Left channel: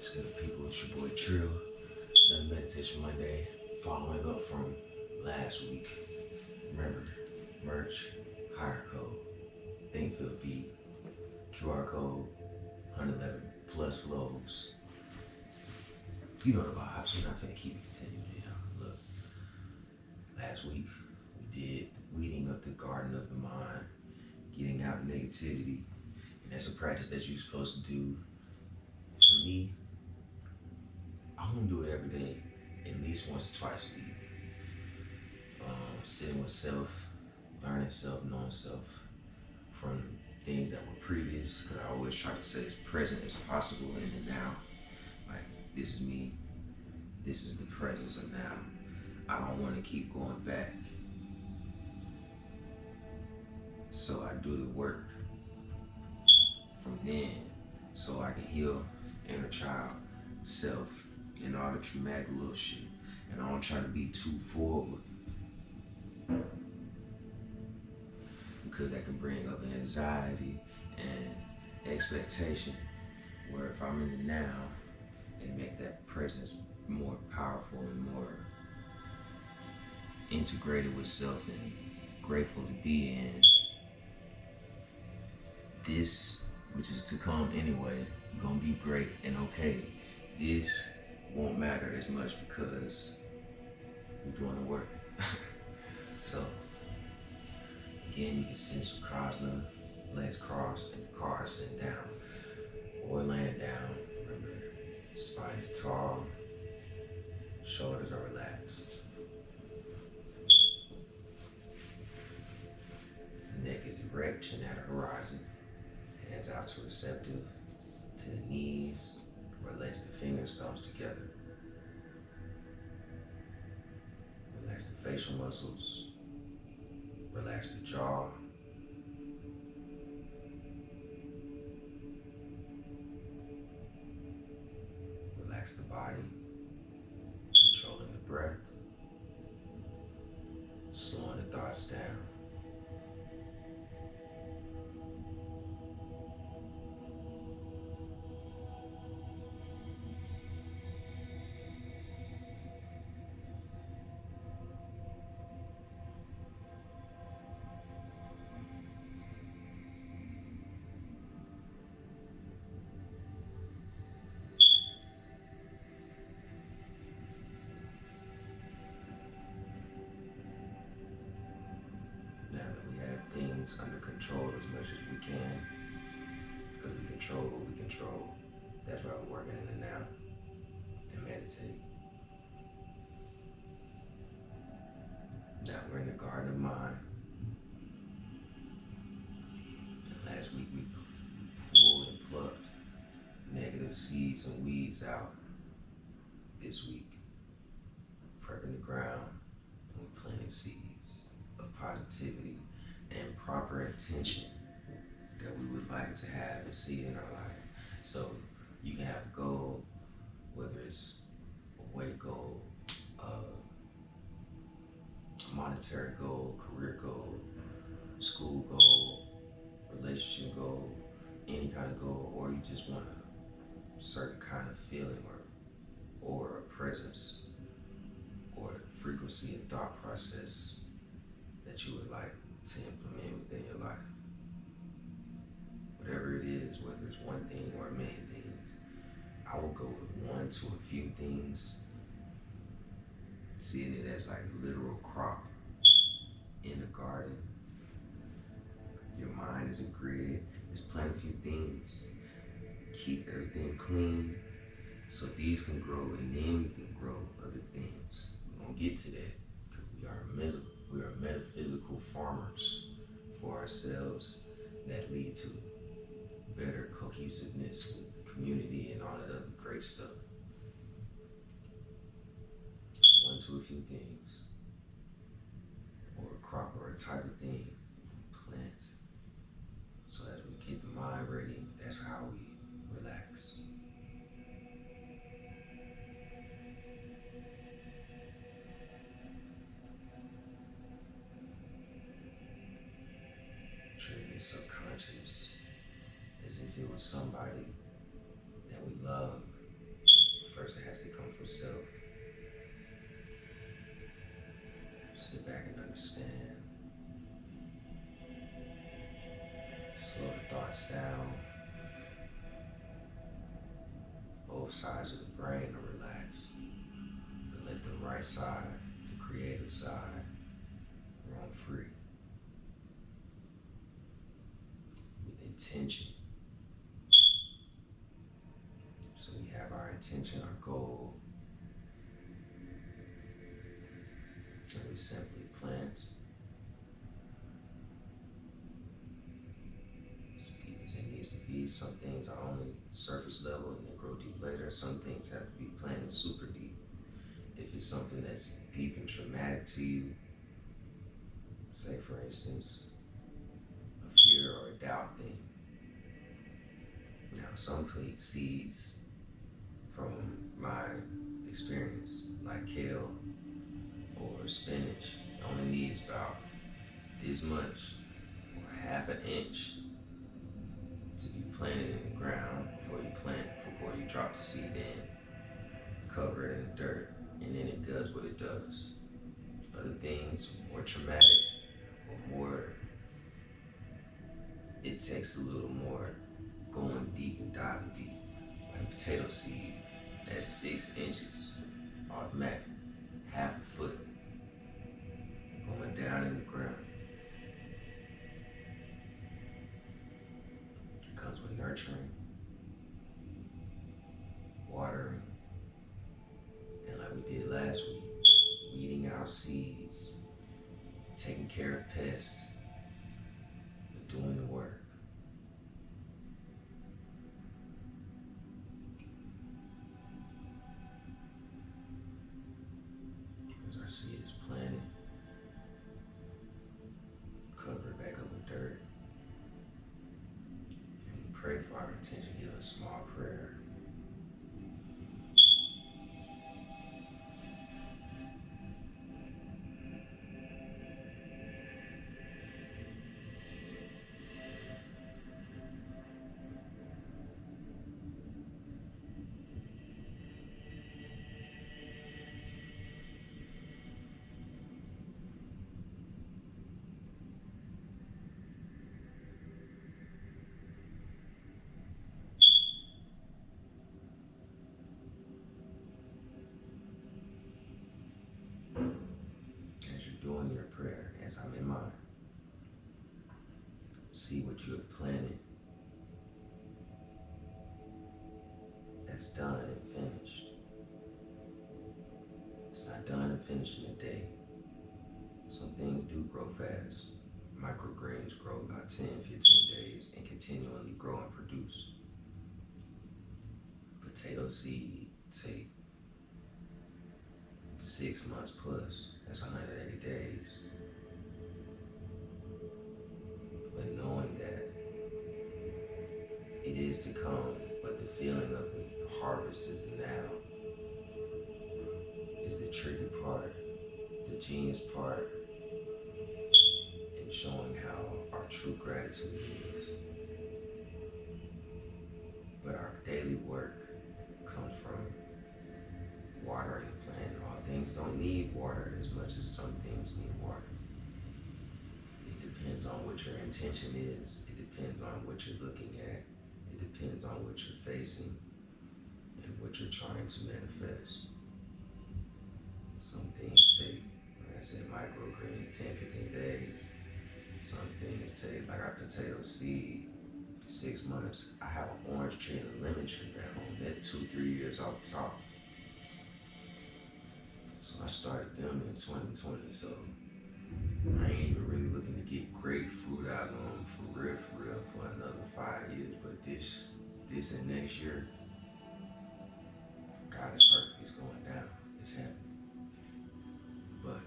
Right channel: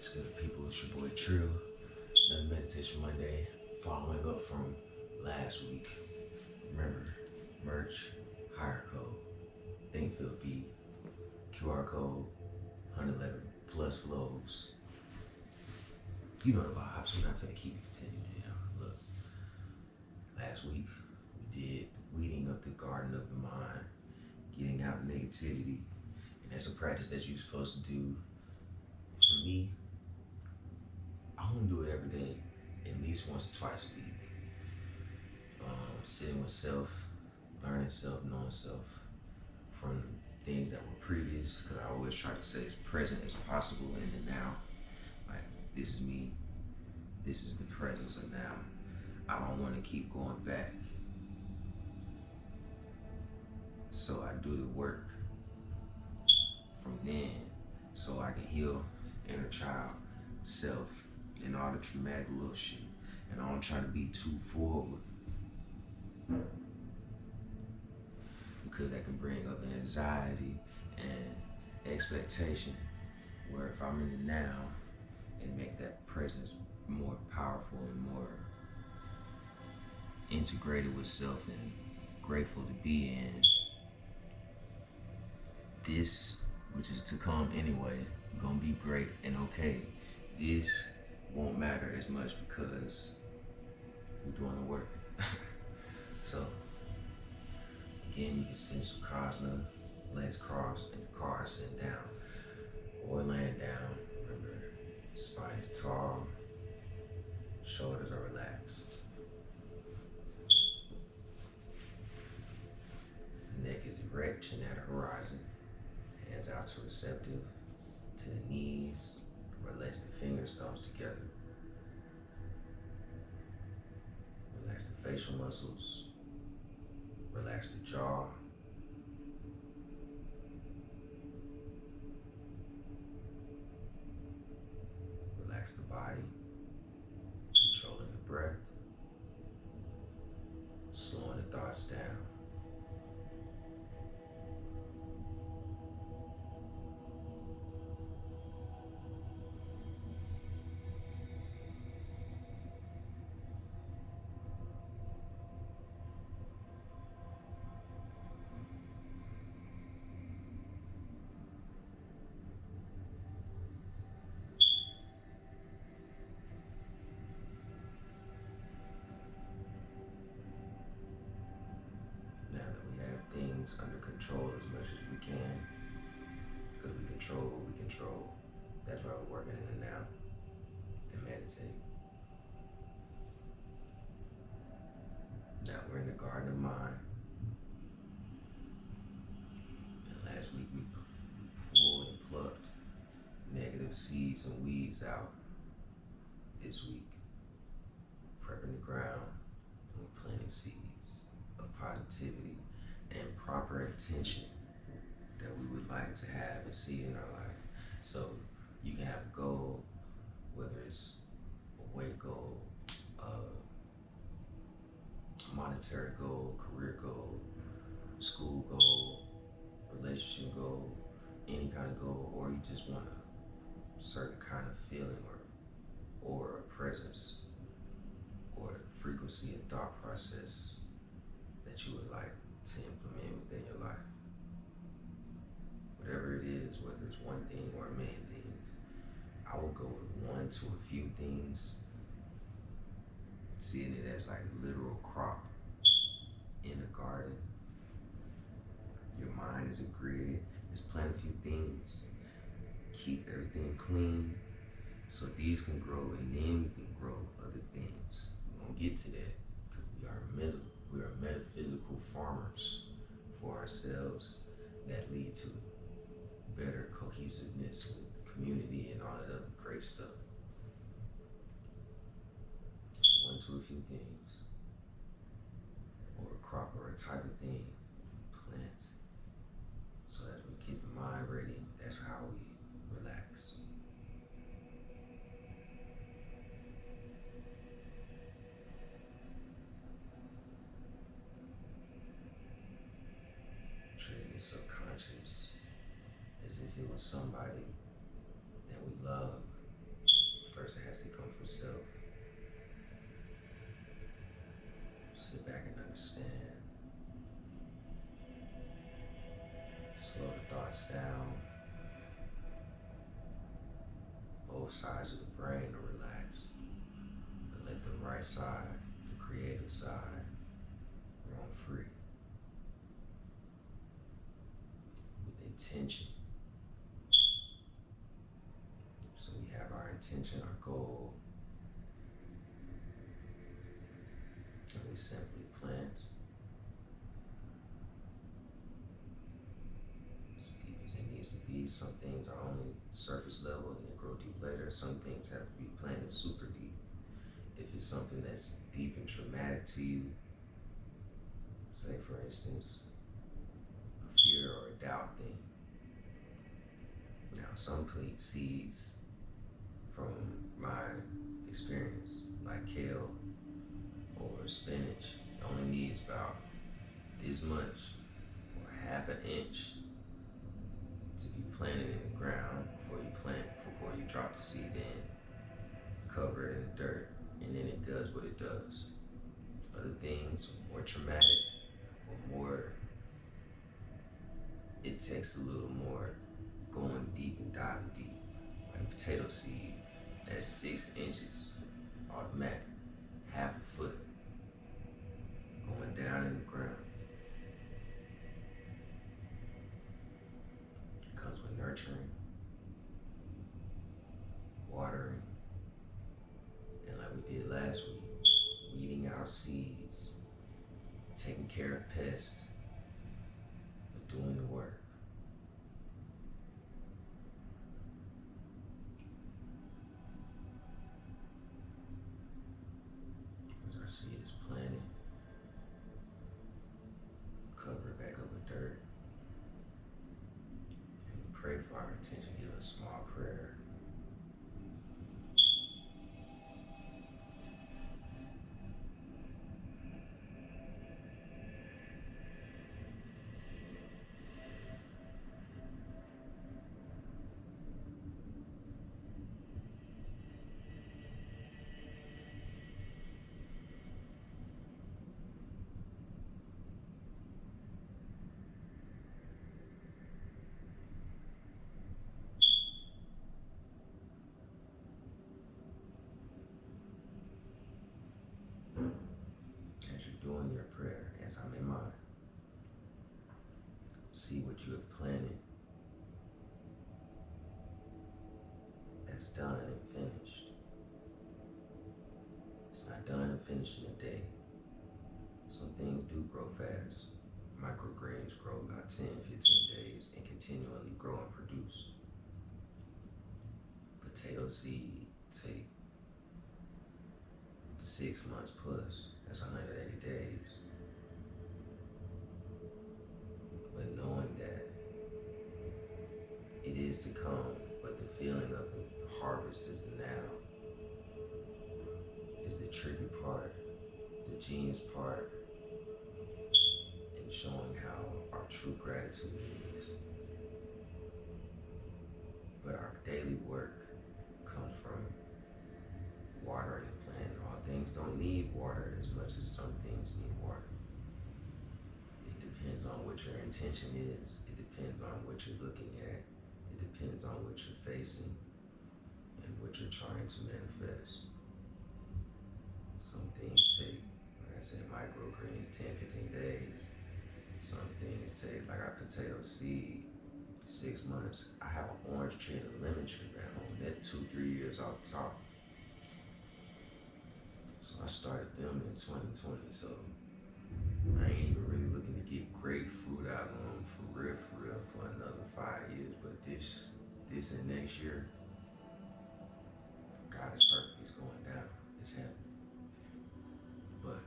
What's good, people? It's your boy Trill. Another Meditation Monday, following up from last week. Remember, merch, Hyyer code, Thinkfield beat, QR code, 111 plus flows. You know the vibes. We're not finna keep it continuing. Look, last week we did weeding of the garden of the mind, getting out negativity, and that's a practice that you're supposed to do. For me, I want to do it every day, at least once or twice a week. Sitting with self, learning self, knowing self from things that were previous, because I always try to stay as present as possible in the now. Like, this is me, this is the presence of now. I don't want to keep going back. So I do the work from then so I can heal inner child, self, and all the traumatic little shit. And I don't try to be too forward, because that can bring up anxiety and expectation, where if I'm in the now and make that presence more powerful and more integrated with self and grateful to be in this, which is to come anyway, gonna be great and okay. This won't matter as much because we're doing the work. So again, you can send Sukhasana, legs crossed and the car sitting down or laying down. Remember, spine is tall, shoulders are relaxed. Neck is erect, chin at the horizon. Hands out to receptive, to the knees. Relax the fingers, thumbs together. Relax the facial muscles. Relax the jaw. Relax the body, controlling the breath, slowing the thoughts down. Now that we have things under control as much as we can, because we control what we control, that's why we're working in the now and meditate. Now we're in the garden of mind. And last week we pulled and plucked negative seeds and weeds out. This week, prepping the ground, and we're planting seeds of positivity and proper intention that we would like to have and see in our life. So you can have a goal, whether it's a weight goal, a monetary goal, career goal, school goal, relationship goal, any kind of goal, or you just want a certain kind of feeling or a presence or frequency and thought process that you would like to implement within your life. Whatever it is, whether it's one thing or a million things, I will go with one to a few things, seeing it as like a literal crop in the garden. Your mind is a grid. Just plant a few things. Keep everything clean so these can grow, and then you can grow other things. We're gonna get to that because we are metaphysical farmers for ourselves that lead to better cohesiveness with community and all that other great stuff. One to a few things, or a crop or a type of thing, plant. So as we keep the mind ready, that's how we relax. Treating the subconscious as if it was somebody that we love himself. Sit back and understand. Slow the thoughts down. Both sides of the brain are relaxed, but let the right side, the creative side, roam free. With intention. So we have our intention, our goal, and we simply plant as deep as it needs to be. Some things are only surface level and then grow deep later. Some things have to be planted super deep. If it's something that's deep and traumatic to you, say for instance, a fear or a doubt thing. Now some seeds from my experience, like kale or spinach, only needs about this much or half an inch to be planted in the ground before you drop the seed in, cover it in the dirt, and then it does what it does. Other things, more traumatic or more, it takes a little more going deep and diving deep. Like a potato seed, that's 6 inches, automatic, half a foot, going down in the ground. It comes with nurturing, watering, and like we did last week, weeding out seeds, taking care of pests, but doing the work. As our seed is planted, cover it back up with dirt, and we pray for our intention. Give a small prayer. As you're doing your prayer, as I'm in mine, see what you have planted that's done and finished. It's not done and finished in a day. Some things do grow fast. Microgreens grow about 10, 15 days and continually grow and produce. Potato seed take 6 months plus, that's 180 days. But knowing that it is to come, but the feeling of the harvest is the now, is the tricky part, the genius part, in showing how our true gratitude is. But our daily work comes from watering the plant. All things don't need water as much as some things need water. It depends on what your intention is. It depends on what you're looking at. It depends on what you're facing and what you're trying to manifest. Some things take, like I said, microgreens, 10, 15 days. Some things take, like our potato seed, 6 months. I have an orange tree and a lemon tree at home. They're 2-3 years off the top. So I started them in 2020. So I ain't even really looking to get great fruit out of them for real, for another 5 years. But this and next year, God is perfect. It's going down. It's happening. But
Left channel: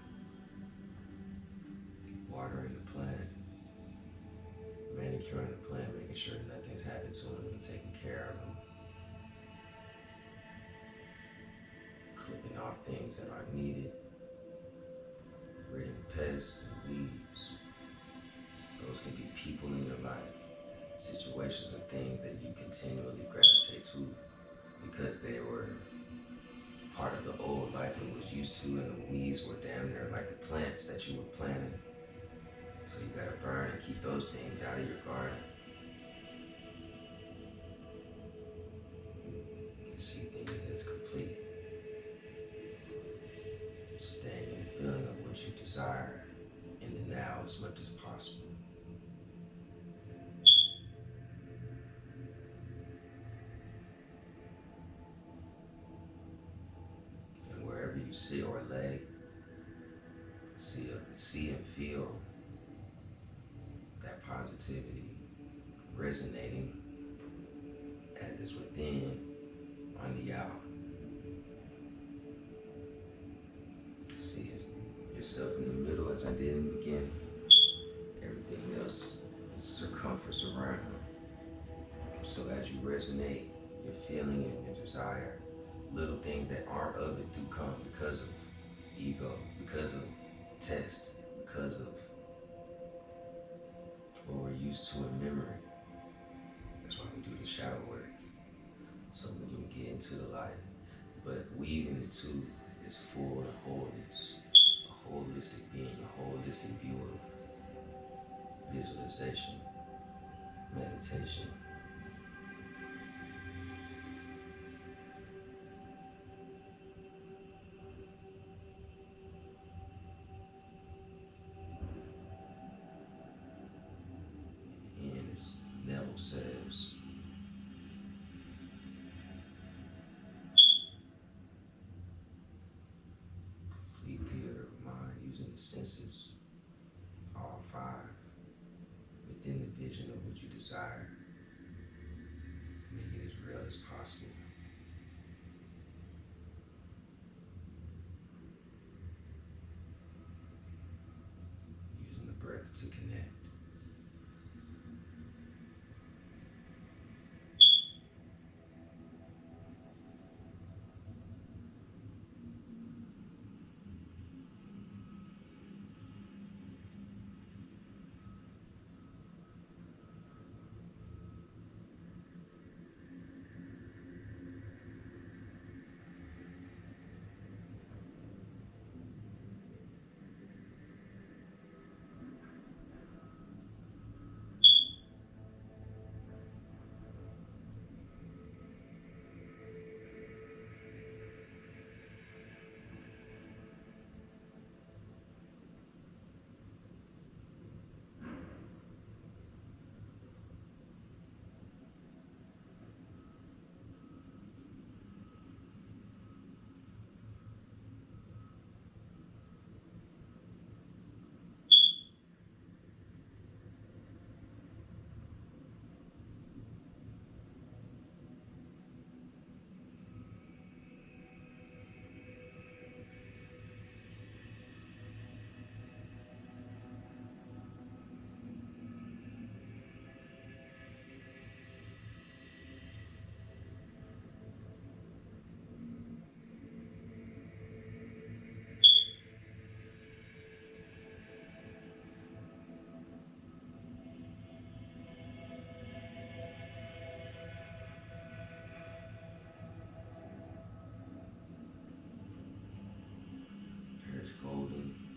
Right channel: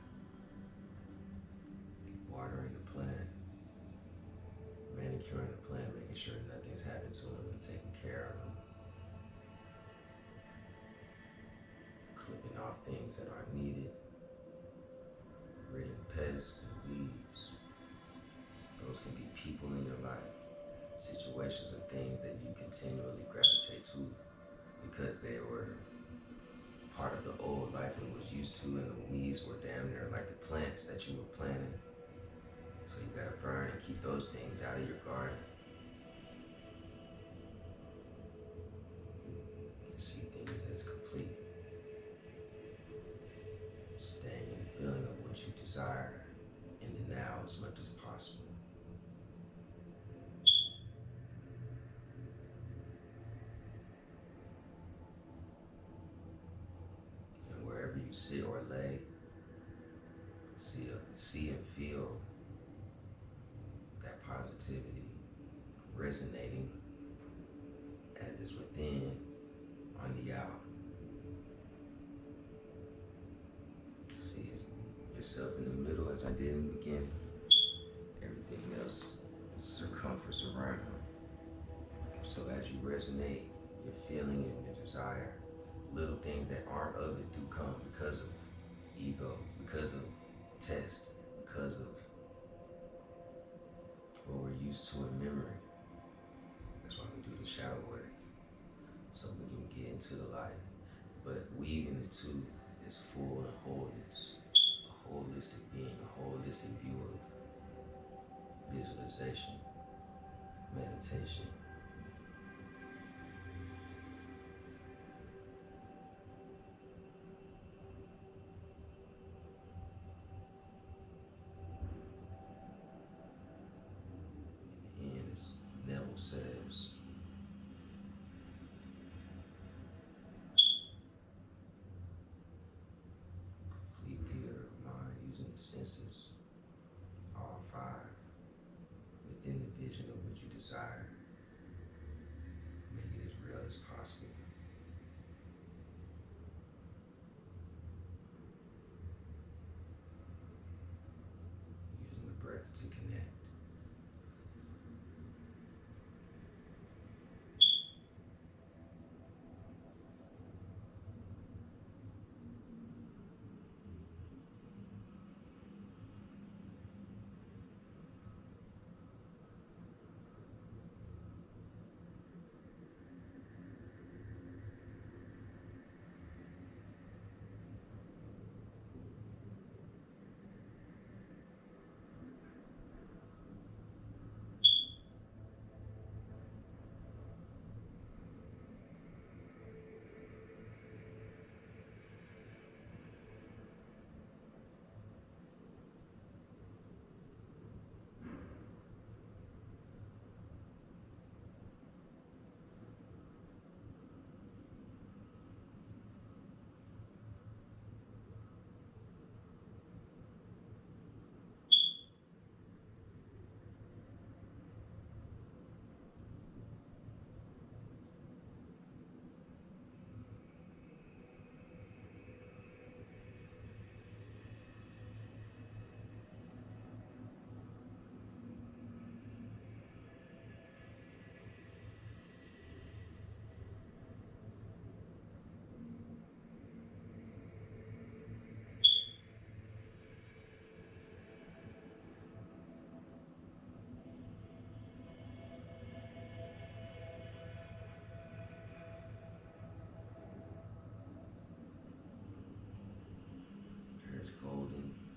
watering the plant, manicuring the plant, making sure nothing's happened to them, and taking care of them, clipping off things that aren't needed, ridding pests and weeds. Those can be people in your life, situations and things that you continually gravitate to because they were part part of the old life and was used to, and the weeds were damn near like the plants that you were planting. So you gotta burn and keep those things out of your garden. And see things as complete. Staying in the feeling of what you desire in the now as much as possible. And wherever you sit or lay, see and feel that positivity resonating as is within on the out. See yourself in the middle as I did in the beginning. Everything else is circumference around. So as you resonate, your feeling and your desire, little things that aren't of it do come because of ego, because of test, because of what we're used to in memory. That's why we do the shadow work, so we can get into the light. But weaving the two is full of wholeness, a holistic being, a holistic view of visualization, meditation. And as Neville says, complete theater of mind using the senses, all five, within the vision of what you desire. Make it as real as possible. Using the breath to connect.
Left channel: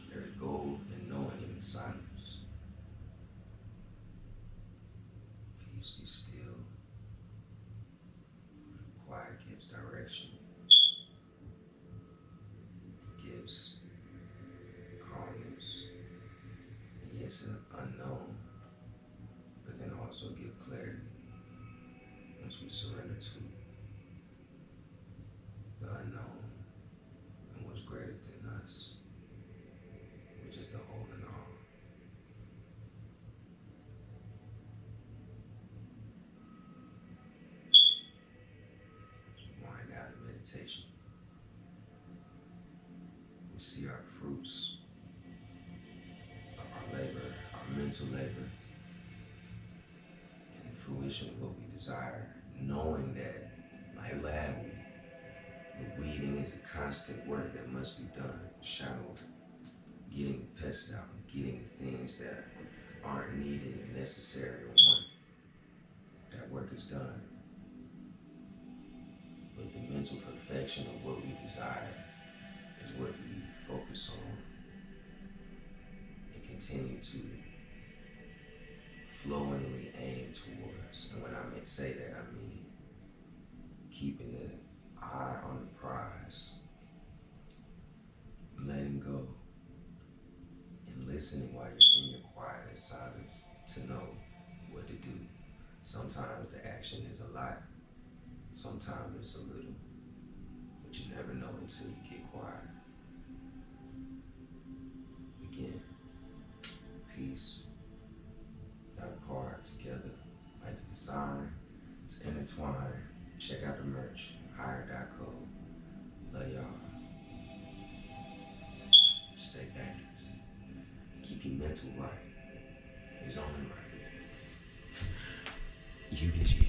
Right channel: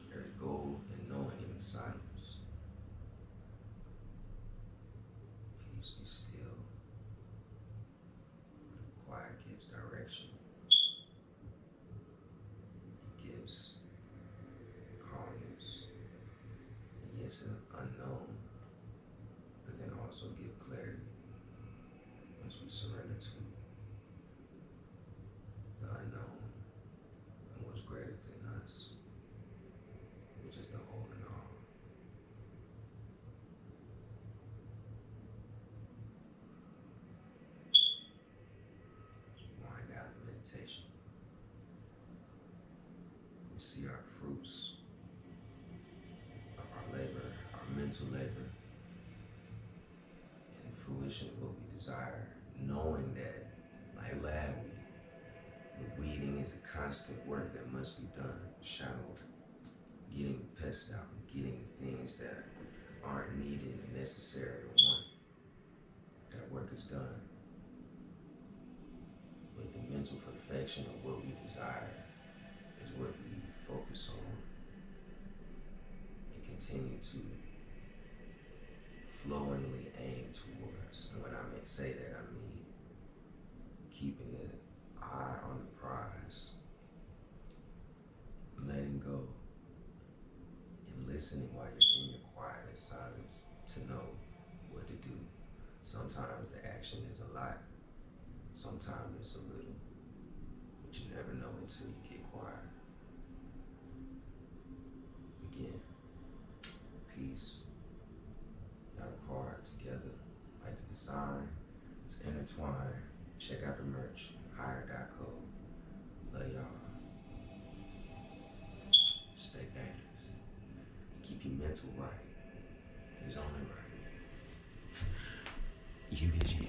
There's gold in knowing in the silence. Peace be still. Quiet gives direction. It gives calmness. And yes, an unknown, but can also give clarity once we surrender to the unknown and what's greater than us, which is the whole and all. Wind down in meditation. We see our fruits of our labor, our mental labor, and the fruition of what we desire, knowing that, like lab weed, the weeding is a constant work that must be done, shadow work, getting the pests out, getting the things that aren't needed, necessary, or wanted. That work is done. But The mental perfection of what we desire is what we focus on and continue to flowingly aim towards. And when I say that, I mean keeping the eye on the prize, letting go, and listening while you're in your quiet and silence to know what to do. Sometimes the action is a lot, sometimes it's a little, but you never know until you get quiet. Again, peace, not apart, together, like the design, it's intertwined. Check out the merch, Hyyer.co. Love y'all. Stay dangerous. Keep your mental right. It's only right. You did you.